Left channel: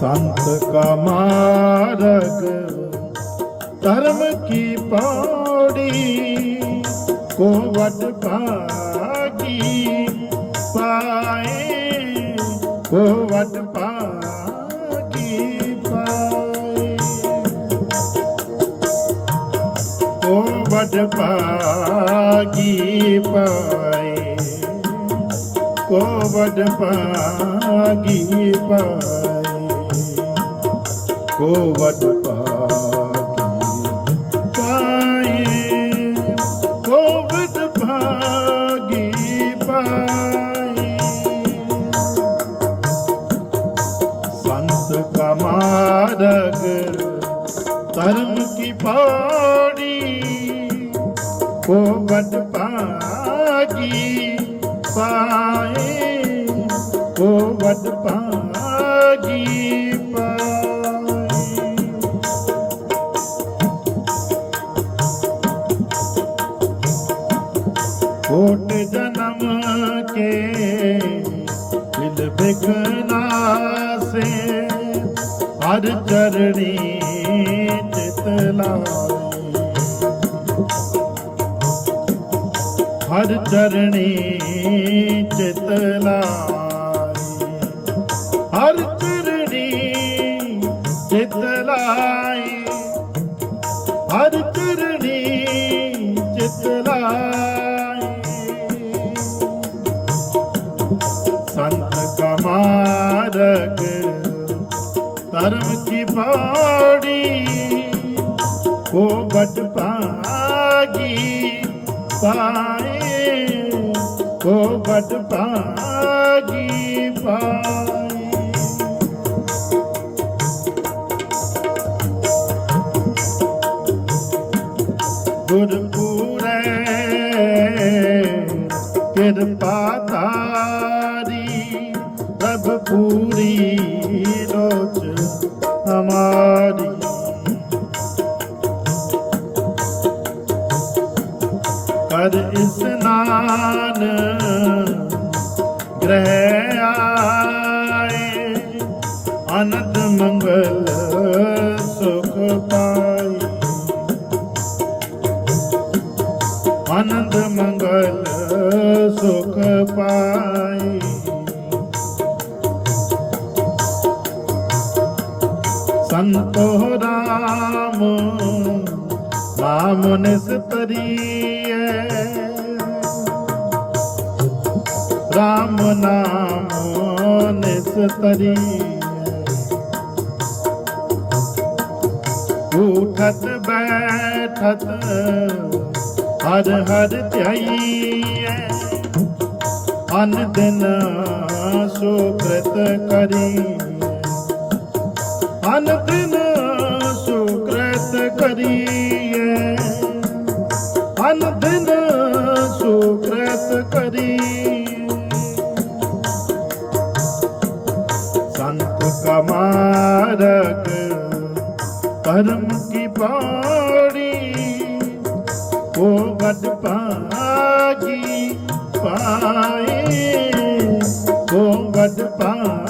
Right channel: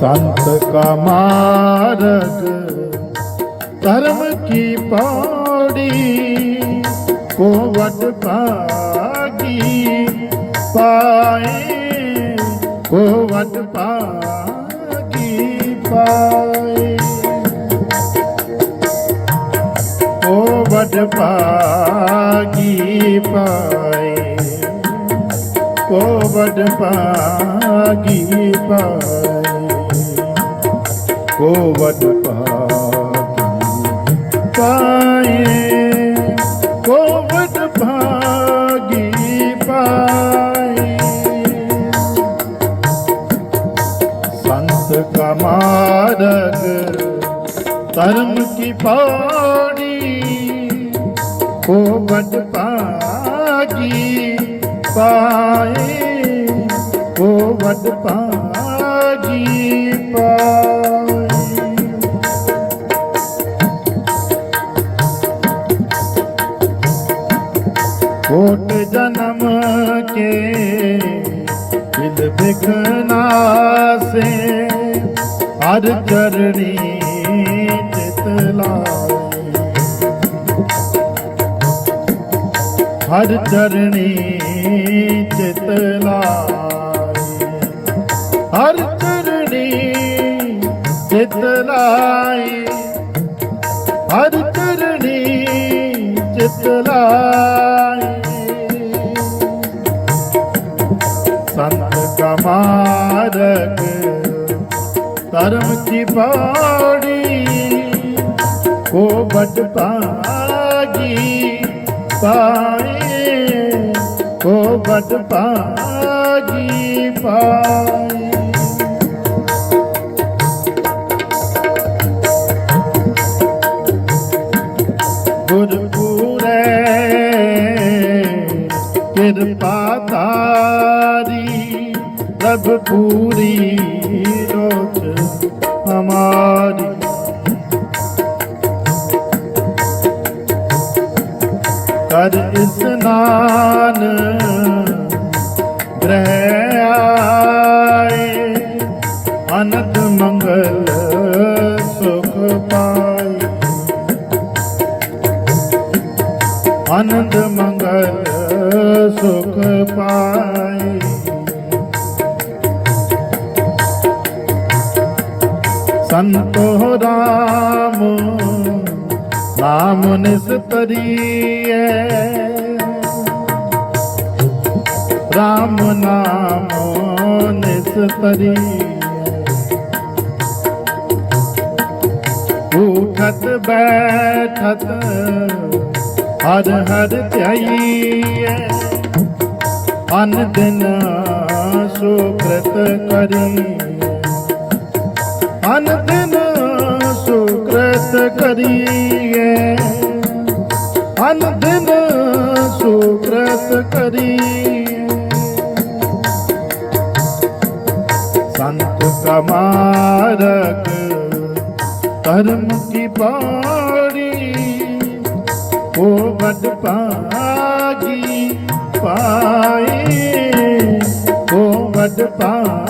ਸੰਤ ਕਾ ਮਾਰਗ, ਧਰਮ ਕੀ ਪੌੜੀ, ਕੋ ਵਟ ਭਾਗੀ ਪਾਏ, ਕੋ ਵਟ ਭਾਗੀ ਪਾਏ। ਕੋ ਵਟ ਭਾਗੀ ਪਾਏ, ਕੋ ਵਟ ਭਾਗੀ ਪਾਏ। ਕੋ ਵਟ ਭਾਗੀ ਪਾਏ ਕੋ ਵਟ ਭਾਗੀ ਪਾਏ। ਸੰਤ ਕਾ ਮਾਰਗ, ਧਰਮ ਕੀ ਪਾਣੀ ਕੋ ਵਟ ਭਾਗੀ ਪਾਏ, ਕੋ ਵਟ ਭਾਗੀ ਕੋਟ ਜਨਮ ਕੇ ਦਿਲ ਬਿਕਨਾ ਸੇ ਹਰ ਚਰਣੀ ਚਿਤ ਲਾਏ। ਹਰ ਚਰਣੀ ਚਿਤ ਲਾਏ। ਹਰ ਚਰਣੀ ਚਿਤ ਲਾਏ। ਹਰ ਚਰਣੀ ਚਿਤ ਧਰਮ ਕੀ ਬਾੜੀ ਕੋ ਬਟ ਪਾਗੀ ਪਾਏ ਕੋ ਬਟ ਪਾਗੀ ਪਾਏ ਗੁਰਪੂਰੇ, ਕਿਰਪਾ ਤਾਰੀ ਪੂਰੀ ਲੋਚ ਹਮਾਰੀ ਕਰ ਇਸਨਾਨ ਗ੍ਰਹਿ ਆਏ ਅਨੰਦ ਮੰਗਲ ਸੁਖ ਪਾਏ ਅਨੰਦ ਮੰਗਲ ਸੁਖ ਪਾਏ ਸੰਤੋ ਰਾਮ, ਨਾਮ ਨਿਸਤਰੀਏ ਰਾਮ ਨਾਮ ਨਿਸਤਰੀਏ ਉਠਤ ਬੈਠਤ ਹਰ ਹਰ ਧਿਆਈਏ ਅਨ ਦਿਨ ਸੁਕ੍ਰਤ ਕਰੀ ਧਨ ਬਿਨ ਸੁਕ੍ਰਤ ਕਰੀਏ ਧਨ ਬਿਨ ਸੁਕ੍ਰਤ ਕਰੀ ਸੰਤ ਕਮਾਰਕ ਧਰਮ ਕੀ ਬਾਣੀ ਉਹ ਗਦ ਪਾਗੀ ਪਾਈ ਉਹ ਗਦ ਪਾਗੀ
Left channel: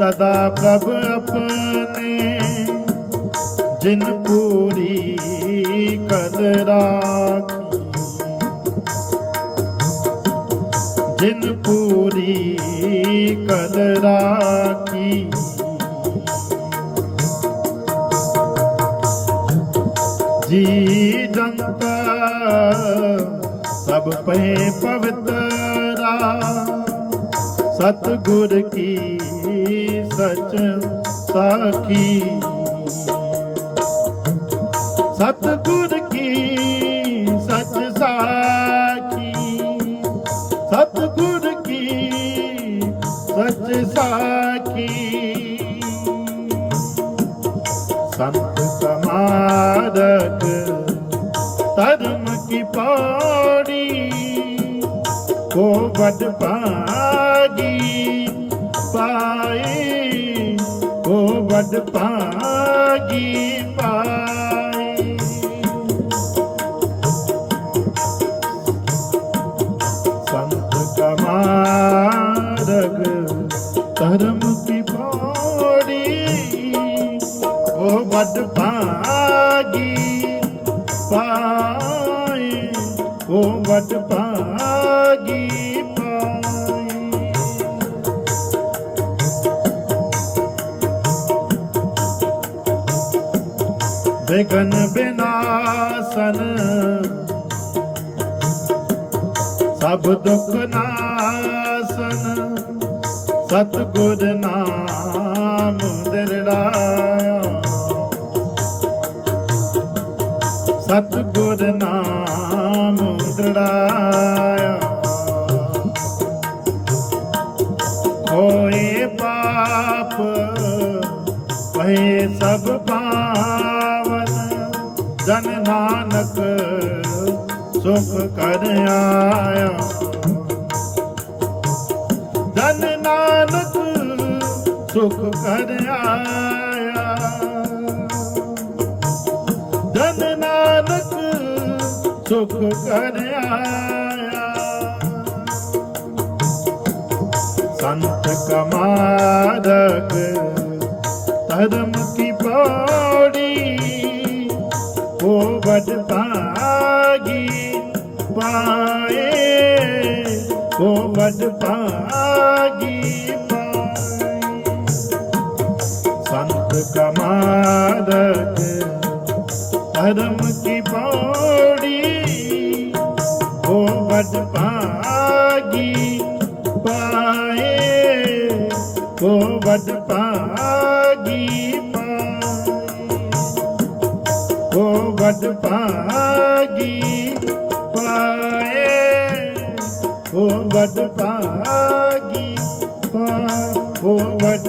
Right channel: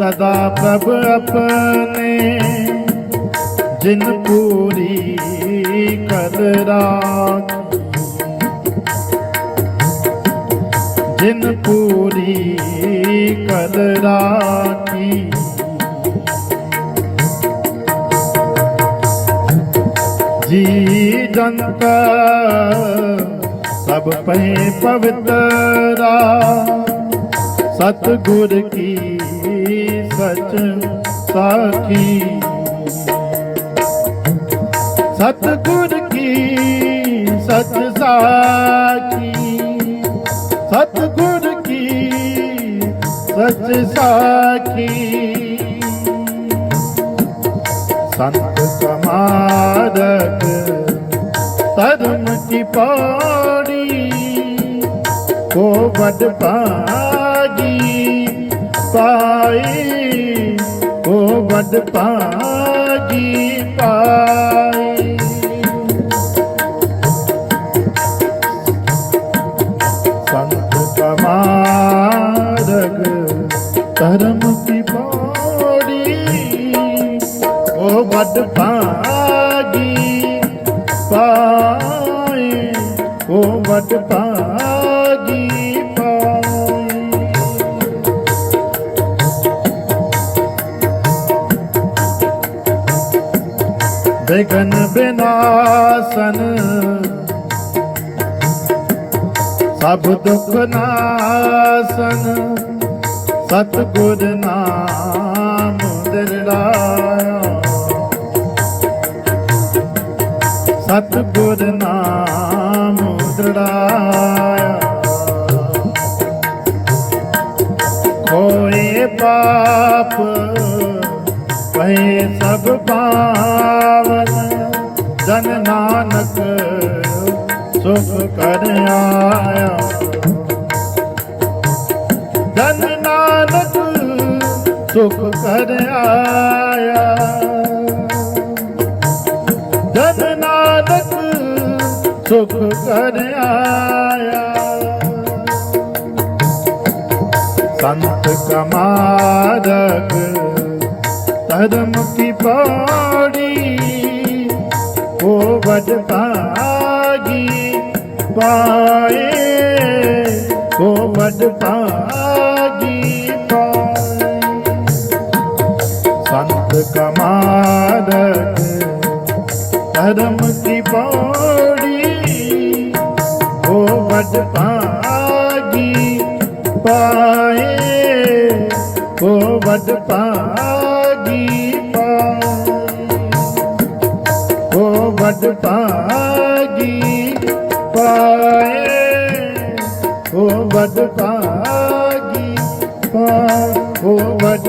ਸਦਾ ਪ੍ਰਭ ਆਪਣੇ, ਜਿਨ ਪੂਰੀ ਕਦਰਾਂ ਜਿਨ ਪੂਰੀ ਕਦਰਾਂ ਕੀ ਜੀ ਜੰਤ ਸਭ ਪਏ ਪਵਿੱਤਰਾ ਸਤਗੁਰ ਕੀ ਬਚਨ ਸਾਖੀ। ਸਤਗੁਰ ਕੀ ਸਚ ਸਾਖੀ? ਸਤਗੁਰ ਕੀ ਸਚ ਸਾਖੀ? ਸੰਤ ਸਮਾਦਕ ਧਰਮ ਕੀ ਪਾਣੀ? ਕੋ ਵਡ ਪਾਣੀ ਕੋ ਵਡ ਭਾਗੀ ਪਾਈ। ਸੰਤ ਕਮਾਰਗ ਧਰਮ ਕੀ ਪੌੜੀ, ਉਹ ਵੱਡ ਭਾਗੀ ਪਾਏ ਉਹ ਵੱਡ ਪਾ ਬਿਗਨ ਬਿਨਾਸਨ ਸਭ ਦੁਖ ਨਾਸਨ ਸਤਿਗੁਰ ਨਾਮ ਦਿਰੜਾਇਆ। ਸਤਿਗੁਰ ਨਾਮ ਦਿਰੜਾਇਆ। ਹੋਏ ਪਾਪ ਕਹੇ ਸਭ ਪਾਵਨ ਜਨ ਨਾਨਕ, ਸੁਖ ਕਰ ਆਇਆ। ਜਨ ਨਾਨਕ, ਸੁਖ ਕਰ ਆਇਆ। ਜਨ ਨਾਨਕ, ਸੁਖ ਕਰ ਆਇਆ। ਸੰਤ ਕਮਾਰਗ ਧਰਮ ਕੀ ਪੌੜੀ ਉਹ ਵਡ ਭਾਗੀ, ਪਾਏ ਉਹ ਵਡ ਭਾਗੀ ਪਾਏ। ਸੰਤ ਕਮਾਰਗ ਧਰਮ ਕੀ ਪੌੜੀ ਉਹ ਵਡ ਭਾਗੀ, ਪਾਏ ਉਹ ਵਡ ਭਾਗੀ। ਉਹ ਵਡ ਭਾਗੀ ਪਾਏ ਉਹ ਵਡ ਭਾਗੀ ਪਾਏ ਉਹ ਵਡ